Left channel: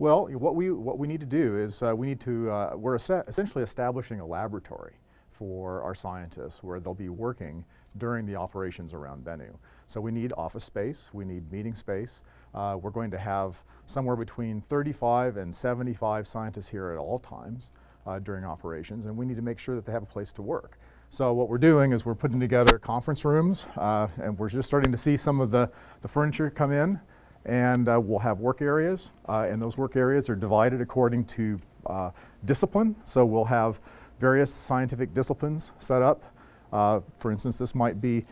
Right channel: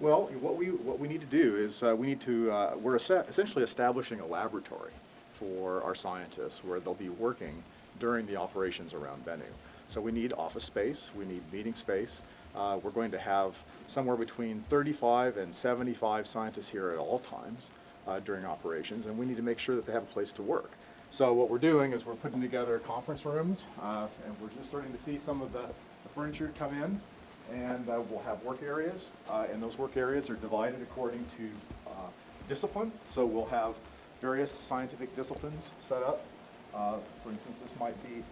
Well, what we need to do is we're essentially establishing a laboratory for our scientists where they'll be working during the operations around Bennu. So we need office space, we need meeting space. We're going to have somewhere between 35 and 75 scientists here at all times during operations, and we need to make sure that they have a place to work. So what we're doing is we're putting together conference rooms, and we're just starting to see some of the furniture come in, and we'll have work areas, and those work areas are divided according to discipline. So we'll have various scientific disciplines set up. For instance, this might be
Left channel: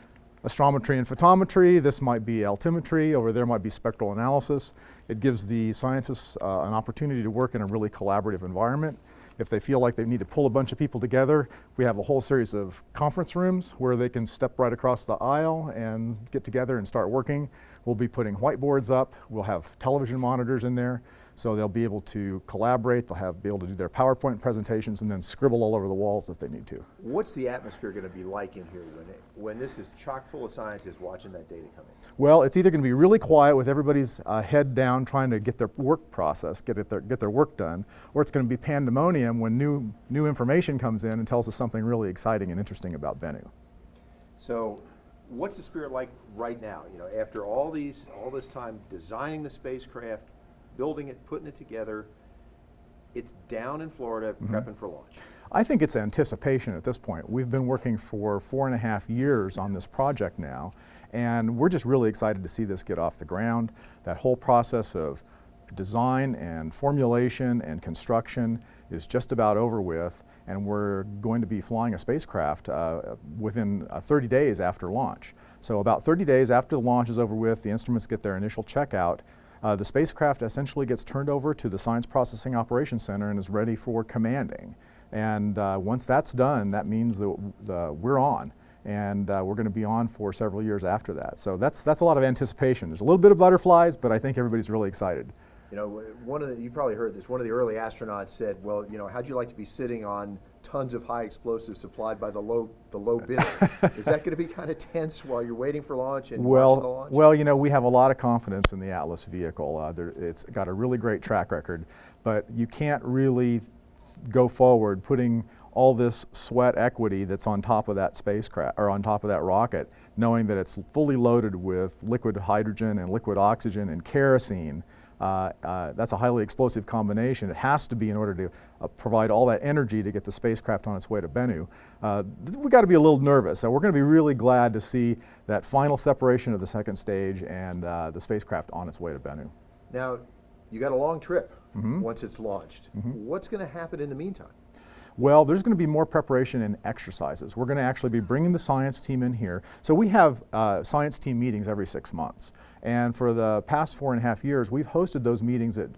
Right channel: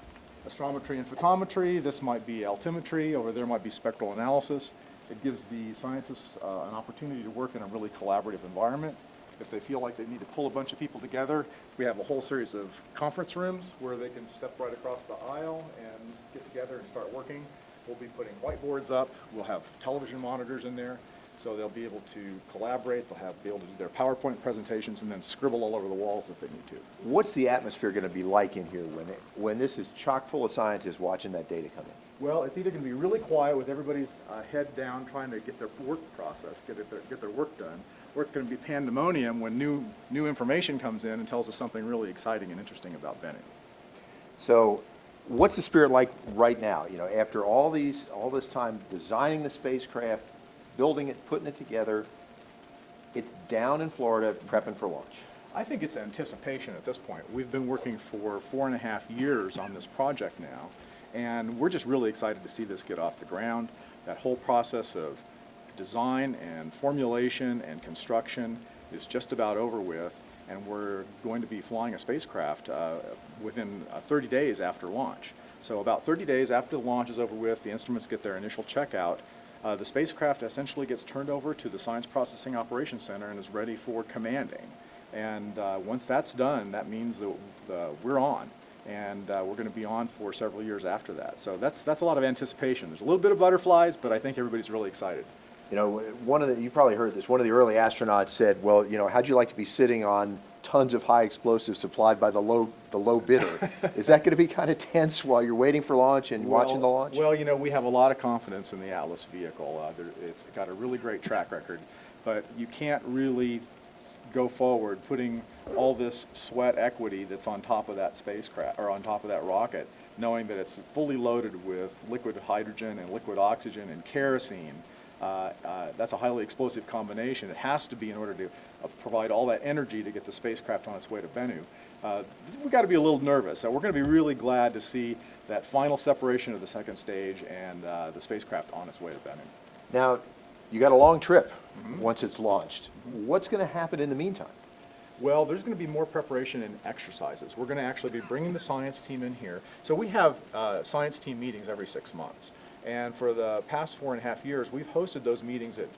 astrometry and photometry, this might be altimetry, over there might be spectral analysis. It gives the scientists an opportunity to work in a really collaborative environment. If they feel like they need to pull a bunch of people together, we have a whole series of conference rooms where they can step right across the aisle and get together and start working. We'll be putting whiteboards up, we'll have television monitors in there, so they'll be able to collaborate, they'll be able to do their PowerPoint presentations and then scribble all over the walls if they need to. What's the atmosphere going to be like in here when this is chock full of scientists watching that data come in? Well, it's either going to be really quiet with everybody's head down trying to get their work processed, get their work done, or it's going to be pandemonium when new information comes in and tells us something really exciting and interesting about Bennu. So what's the spirit like right now? You know, after all this time designing the spacecraft, building it, putting it together, it's down in Florida prepping for launch. I think it's anticipation at this point. We've been working for 4.5 years on this project now, and we're just really excited to see this get off the ground. That whole process of design and formulation and construction is just about over with, and we're going to be flying a spacecraft within 30 days after launch. So about 30 days after the launch is over with, the instruments get their initial checkout, the spacecraft essentially gets turned over to the Science Processing Operations Center and is ready for commanding. And once that's done, that means that we're on. And we're going to be on for several years after that. So that's a lot of anticipation. There's a little bit of butterflies, but I think everybody's really excited. You know, you probably heard this, one of the early astronauts said, well, you know, how'd you like to be sitting on tons of high explosives supplied by the low bidder? Is that going to be kind of tense while you're waiting for launch and watching the launch? Well, you know, we have a lot of confidence in the Atlas vehicle. It's got a really great track record, but you can't really go forward putting all this sweat equity that's on top of that spacecraft, or on top of that rocket, knowing that it's fully loaded with liquid hydrogen and liquid oxygen and kerosene. That's a highly explosive combination. It has to be in order to provide all that energy to get the spacecraft on its way to Bennu. We've got to be a little nervous. So we're going to be really glad to see that final separation of the second stage and the spacecraft on its way to Bennu. Now, you got a long trip once it's launched. What's going to happen in the meantime? Well, there's going to be more preparation and exercises. We're going to actually be bringing the science team in here. So we have science team meetings every 6 months. And for the past 4.5 years, we've hosted those meetings at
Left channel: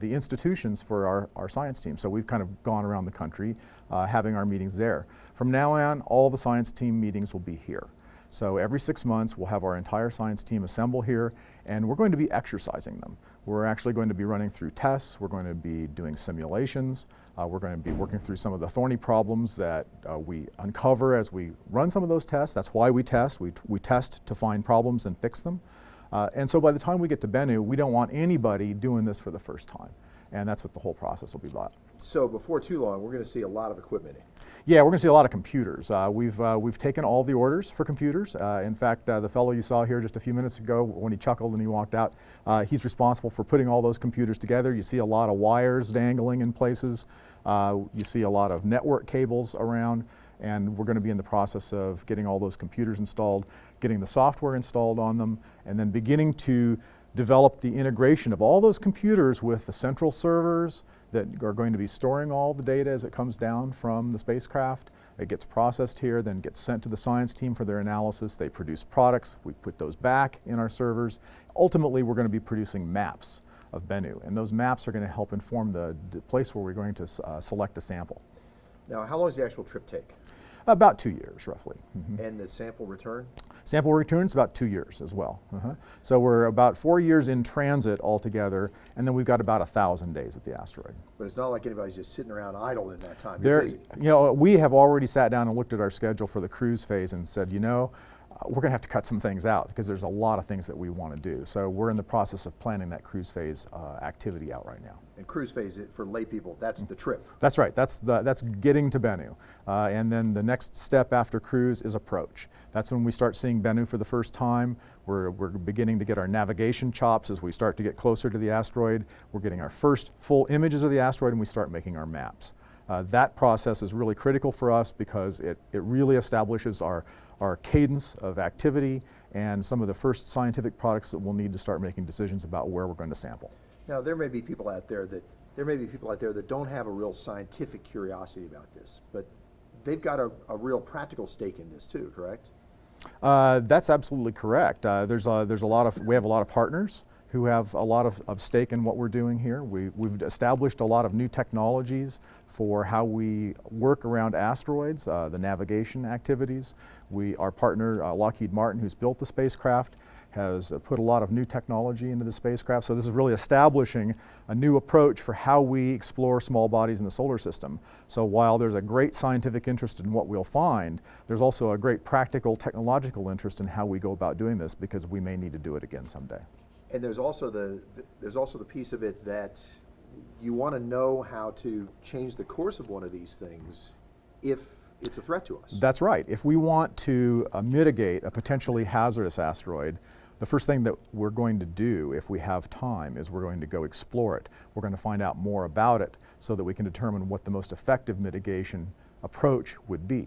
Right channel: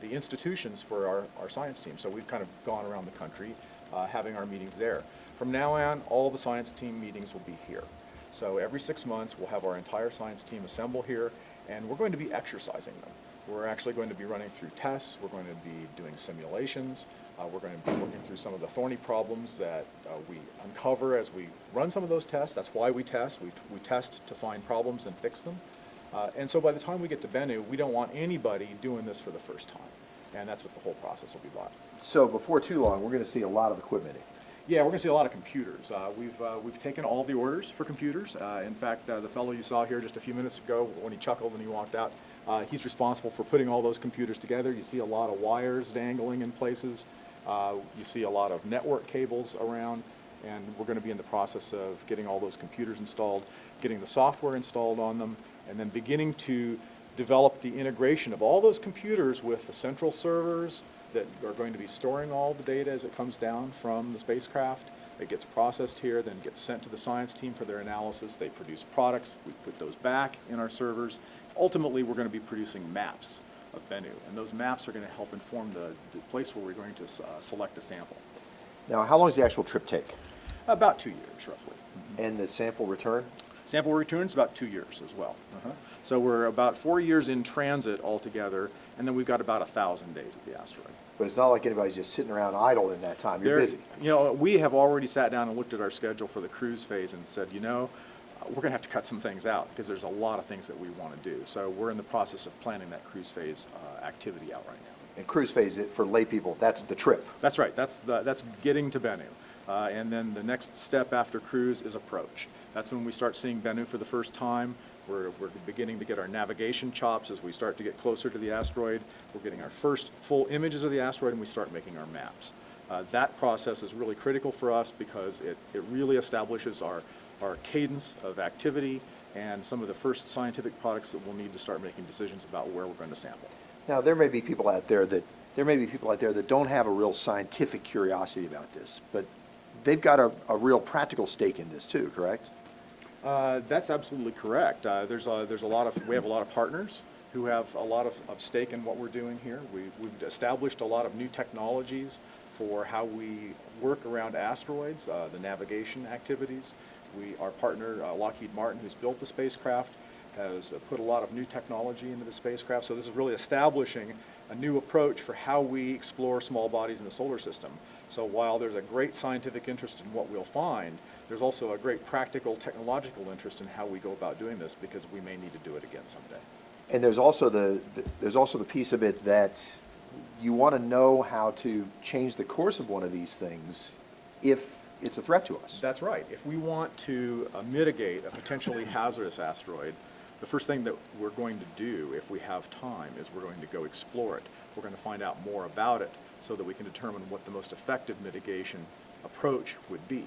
the institutions for our science team. So we've kind of gone around the country having our meetings there. From now on, all the science team meetings will be here. So every 6 months, we'll have our entire science team assemble here, and we're going to be exercising them. We're actually going to be running through tests. We're going to be doing simulations. We're going to be working through some of the thorny problems that we uncover as we run some of those tests. That's why we test. We test to find problems and fix them. And so by the time we get to Bennu, we don't want anybody doing this for the first time. And that's what the whole process will be about. So before too long, we're going to see a lot of equipment. Yeah, we're going to see a lot of computers. We've taken all the orders for computers. In fact, the fellow you saw here just a few minutes ago, when he chuckled and he walked out, he's responsible for putting all those computers together. You see a lot of wires dangling in places. You see a lot of network cables around, and we're going to be in the process of getting all those computers installed, getting the software installed on them, and then beginning to develop the integration of all those computers with the central servers that are going to be storing all the data as it comes down from the spacecraft. It gets processed here, then gets sent to the science team for their analysis. They produce products. We put those back in our servers. Ultimately, we're going to be producing maps of Bennu, and those maps are going to help inform the place where we're going to select a sample. Now, how long does the actual trip take? About 2 years, roughly. And the sample return? Sample returns about 2 years as well. So we're about 4 years in transit altogether, and then we've got about 1,000 days at the asteroid. But it's not like anybody's just sitting around idle in that time. You're busy. You know, we have already sat down and looked at our schedule for the cruise phase and said, you know, we're going to have to cut some things out because there's a lot of things that we want to do. So we're in the process of planning that cruise phase activity out right now. And cruise phase, for lay people, that's the trip. That's right. That's getting to Bennu. And then the next step after cruise is approach. That's when we start seeing Bennu for the first time. We're beginning to get our navigation chops as we start to get closer to the asteroid. We're getting our first full images of the asteroid, and we start making our maps. That process is really critical for us because it really establishes our cadence of activity and some of the first scientific products that we'll need to start making decisions about where we're going to sample. Now, there may be people out there that don't have a real scientific curiosity about this, but they've got a real practical stake in this too, correct? That's absolutely correct. We have a lot of partners who have a lot of stake in what we're doing here. We've established a lot of new technologies for how we work around asteroids, the navigation activities. Our partner, Lockheed Martin, who's built the spacecraft, has put a lot of new technology into the spacecraft. So this is really establishing a new approach for how we explore small bodies in the solar system. So while there's a great scientific interest in what we'll find, there's also a great practical technological interest in how we go about doing this, because we may need to do it again someday. And there's also the piece of it that you want to know how to change the course of one of these things if it's a threat to us. That's right. If we want to mitigate a potentially hazardous asteroid, the first thing that we're going to do, if we have time, is we're going to go explore it. We're going to find out more about it so that we can determine what the most effective mitigation approach would be.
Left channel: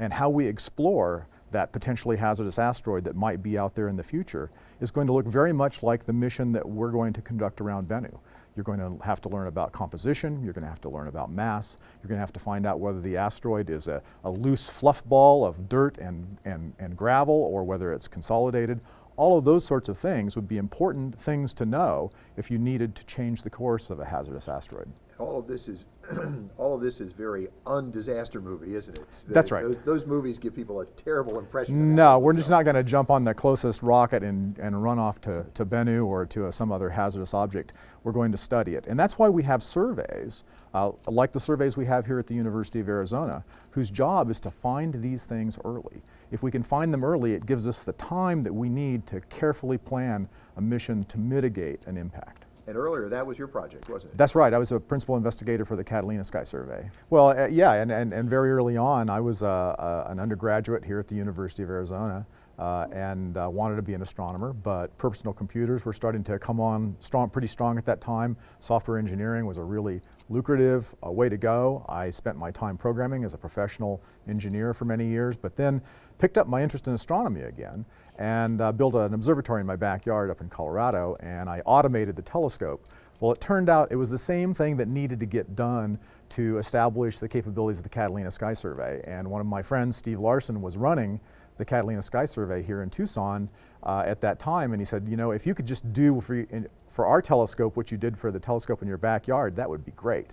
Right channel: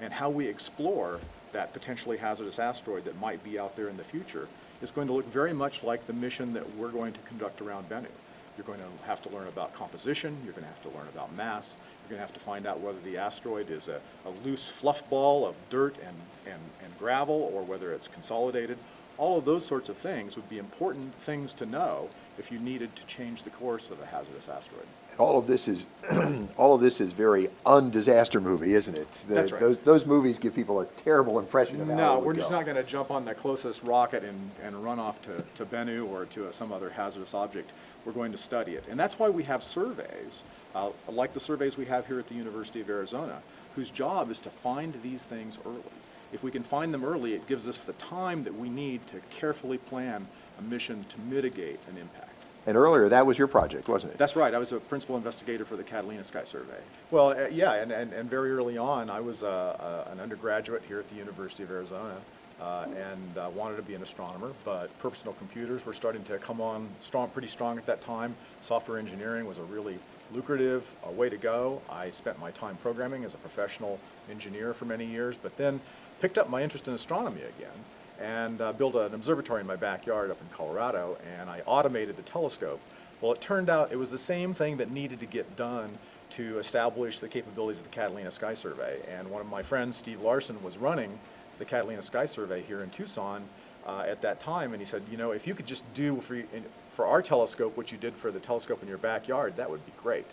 And how we explore that potentially hazardous asteroid that might be out there in the future is going to look very much like the mission that we're going to conduct around Bennu. You're going to have to learn about composition, you're going to have to learn about mass, you're going to have to find out whether the asteroid is a loose fluff ball of dirt and gravel, or whether it's consolidated. All of those sorts of things would be important things to know if you needed to change the course of a hazardous asteroid. All of this is very un-disaster movie, isn't it? That's right. Those movies give people a terrible impression. No, we're just not going to jump on the closest rocket and run off to Bennu or to some other hazardous object. We're going to study it. And that's why we have surveys, like the surveys we have here at the University of Arizona, whose job is to find these things early. If we can find them early, it gives us the time that we need to carefully plan a mission to mitigate an impact. And earlier, that was your project, wasn't it? That's right. I was a principal investigator for the Catalina Sky Survey. Well, yeah, and very early on, I was an undergraduate here at the University of Arizona and wanted to be an astronomer, but personal computers were starting to come on pretty strong at that time. Software engineering was a really lucrative way to go. I spent my time programming as a professional engineer for many years, but then picked up my interest in astronomy again, and built an observatory in my backyard up in Colorado, and I automated the telescope. Well, it turned out it was the same thing that needed to get done to establish the capabilities of the Catalina Sky Survey. And one of my friends, Steve Larson, was running the Catalina Sky Survey here in Tucson at that time, and he said, you know, if you could just do for our telescope what you did for the telescope in your backyard, that would be great.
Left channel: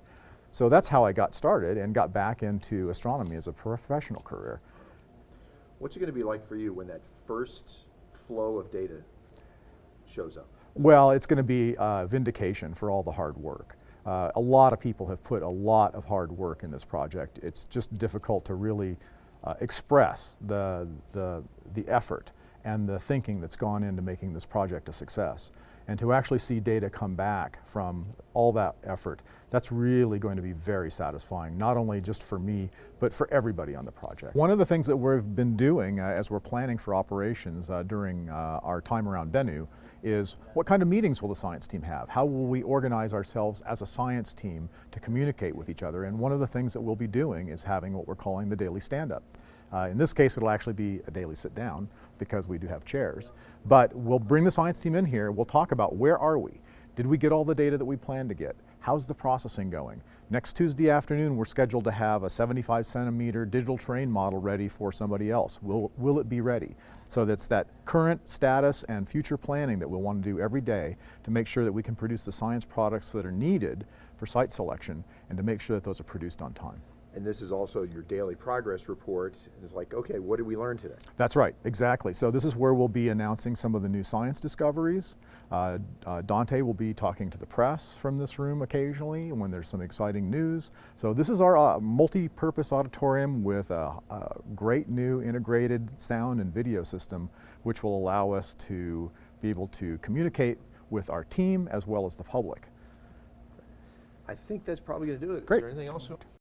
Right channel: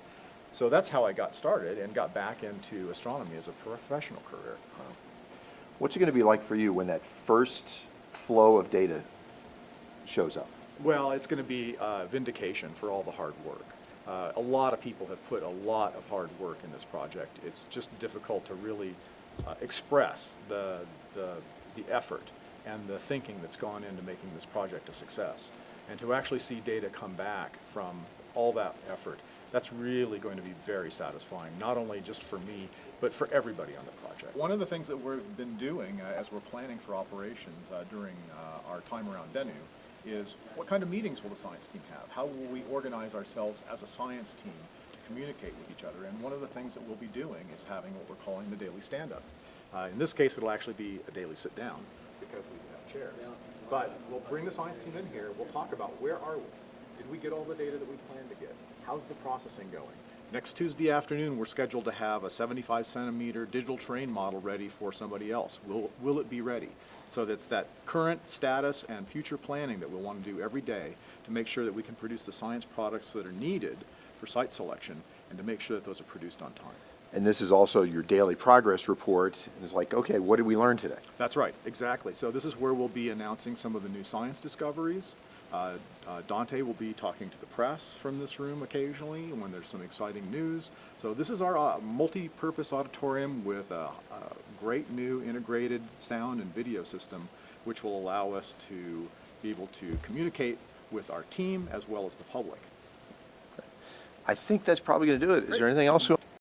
So that's how I got started and got back into astronomy as a professional career. What's it going to be like for you when that first flow of data shows up? Well, it's going to be vindication for all the hard work. A lot of people have put a lot of hard work in this project. It's just difficult to really express the effort and the thinking that's gone into making this project a success. And to actually see data come back from all that effort, that's really going to be very satisfying, not only just for me, but for everybody on the project. One of the things that we've been doing as we're planning for operations during our time around Bennu is what kind of meetings will the science team have? How will we organize ourselves as a science team to communicate with each other? And one of the things that we'll be doing is having what we're calling the daily stand-up. In this case, it'll actually be a daily sit-down because we do have chairs. But we'll bring the science team in here, we'll talk about where are we? Did we get all the data that we planned to get? How's the processing going? Next Tuesday afternoon, we're scheduled to have a 75 centimeter digital terrain model ready for somebody else. Will it be ready? So that's that current status and future planning that we'll want to do every day to make sure that we can produce the science products that are needed for site selection and to make sure that those are produced on time. And this is also your daily progress report. It's like, okay, what did we learn today? That's right, exactly. So this is where we'll be announcing some of the new science discoveries. Dante will be talking to the press from this room occasionally when there's some exciting news. So this is our multi-purpose auditorium with a great new integrated sound and video system, which will allow us to be able to communicate with our team as well as the public. I think that's probably going to do it. Is Great. there anything else?